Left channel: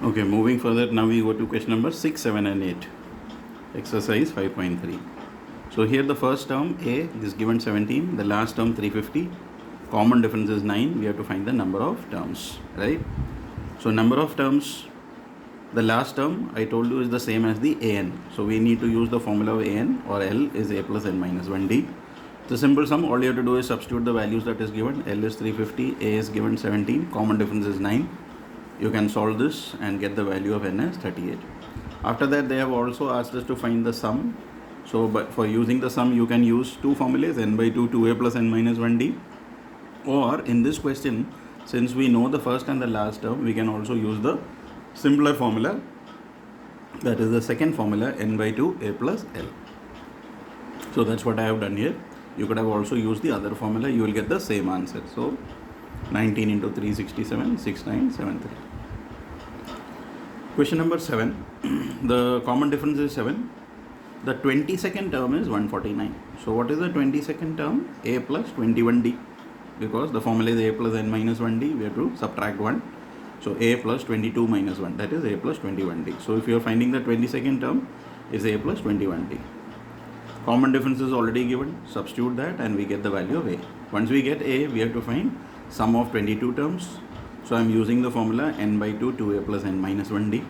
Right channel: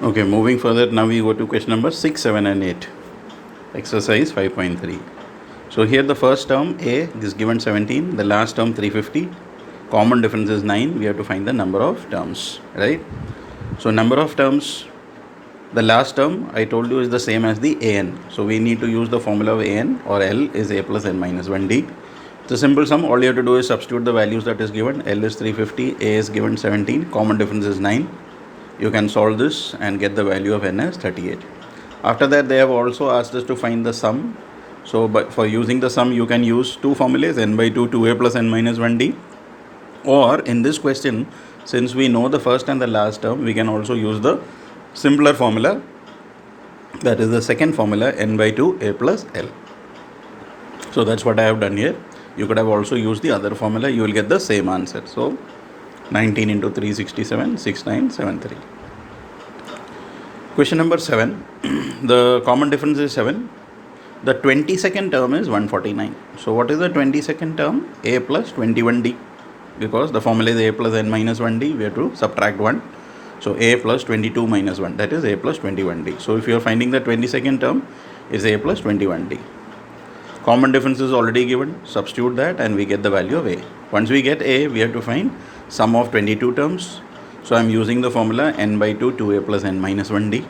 Okay, moving further, now we go to question number 6, 7 and 8. Exercise 5.3. So here the first term A is given 17, the last term 350. Common difference is 9. We have to find the number of terms, right? So number of terms, the last term I told you is the same as the an. So we need to use the formula of an, or L is a plus n minus 1d. It's a simple sum. All you have to do is substitute the values that is given. L is 350, A is given 17, common difference is 9. You can solve this and get the value of n as 38. After that, they have also asked us to find the sum. So but for using the sum, you can use two formulas, n by 2, 2a plus n minus 1d. Or in this question, since we know the first and the last term, we can also use the simpler formula, that is the second formula, n by 2 a plus l. So that's what I have done here. You could have also used the other formula, you will get the same answer. So 19 into 367, 6973. Question number 7. The common difference is 7. The 22nd term is 149. So what is the 22nd term? A plus 21d. Because the formula is a plus n minus 1d, we have to subtract 1. So a plus 22 minus 1, that is a plus 21d. So if you are finding the 22nd term, is a plus 21d. Common difference is already given. Substitute that and we get the value of a. Once we get a, we have to find sum of 22 terms. So I am using the formula n by 2, 2a plus n minus 1d.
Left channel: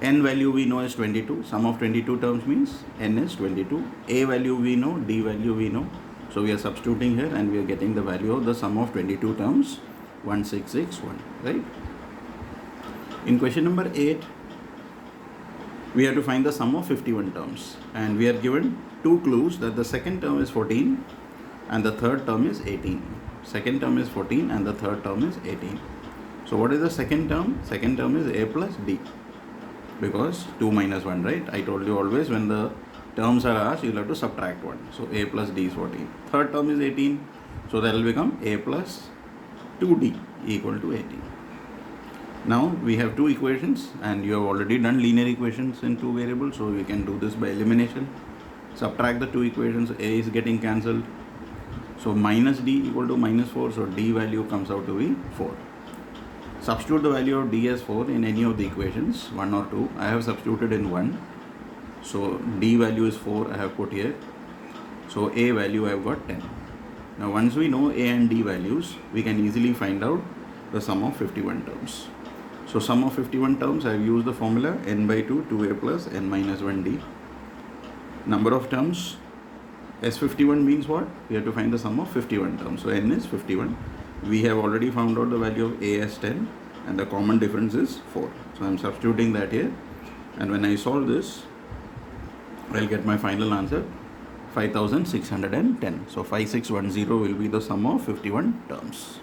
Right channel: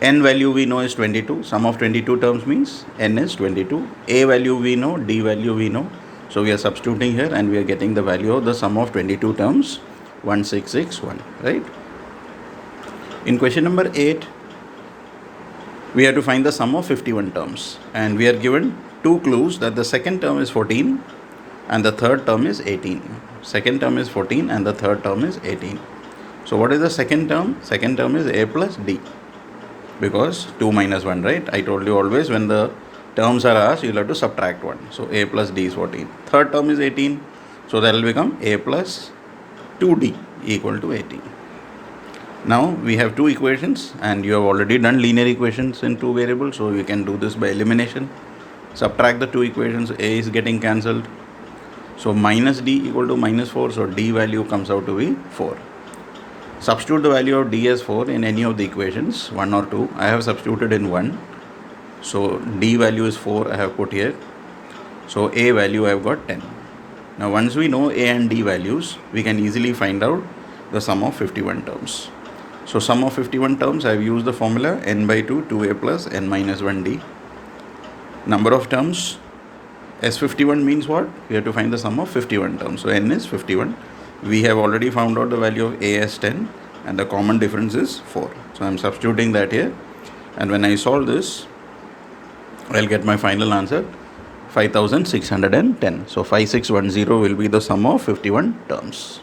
N value we know is 22. Sum of 22 terms means n is 22. A value we know, d value we know. So we are substituting here and we are getting the value of the sum of 22 terms, 1661, right? In question number 8, we have to find the sum of 51 terms. And we are given two clues that the second term is 14 and the third term is 18. Second term is 14 and the third term is 18. So what is the second term? Second term is a plus d. Because 2 minus 1, right? I told you always when the terms are asked, you'll have to subtract 1. So a plus d is 14. Third term is 18. So that will become a plus 2d equal to 18. Now we have two equations and you have already done linear equations in two variables. So we can do this by elimination. Subtract the two equations, a is getting cancelled. So minus d equal to minus 4. So d value comes out to be 4. Substitute the value of d as 4 in any of the equations, 1 or 2. I have substituted in 1. So d value is 4 I have put here. So a value I have got 10. Now once we know a and d values, we can easily find out the sum of 51 terms. So sum of 51 terms, I have used the formula n by 2, 2a plus n minus 1d. Number of terms, S51 means what? We have to find the sum of 51 terms. So n is 51. We have already found out the value of a as 10 and the common difference is 4. So I am substituting that here. And when I solve this, I'll get my final answer 5610. So 5610 will be the sum of 51 terms.